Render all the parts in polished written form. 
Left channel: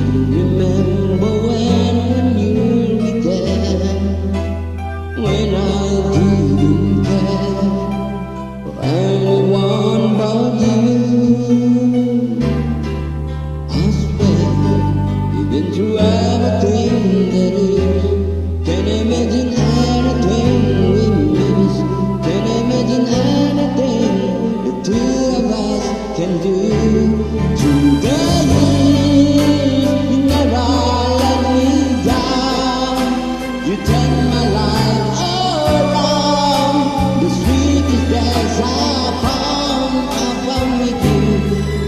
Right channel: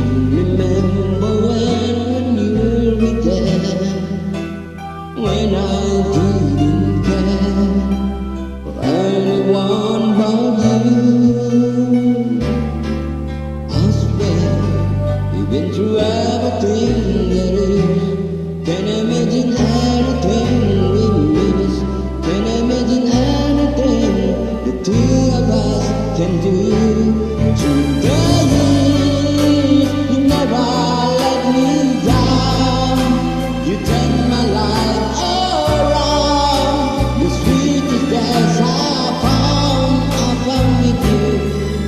can remember when you were there, when I didn't care for anyone but you. I swear you've been through everything there is. Can't imagine anything we miss. Can't imagine anything the two of us can do. Through the years, you never let me down. You turned my life around. The sweetest days I found with you.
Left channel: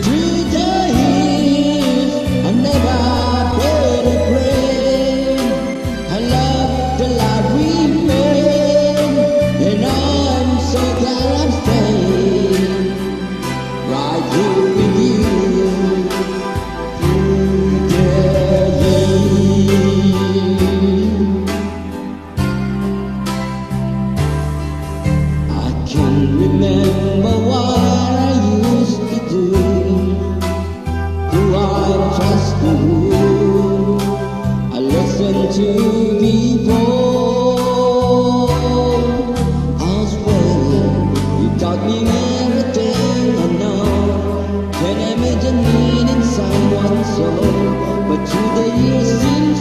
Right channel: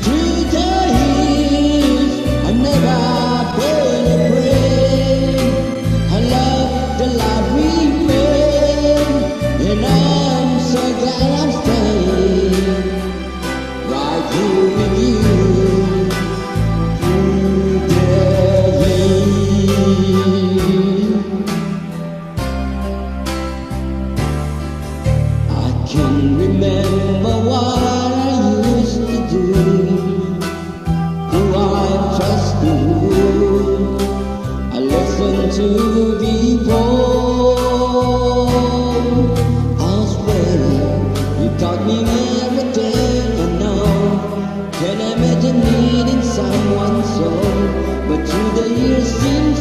Through the years, I've never been afraid. I love the life we made, and I'm so glad I'm staying right here with you. Through the years, I can remember what I used to do, who I trusted, who I listened to before. I swear you taught me everything I know. Can't imagine needing someone so, but through the years seem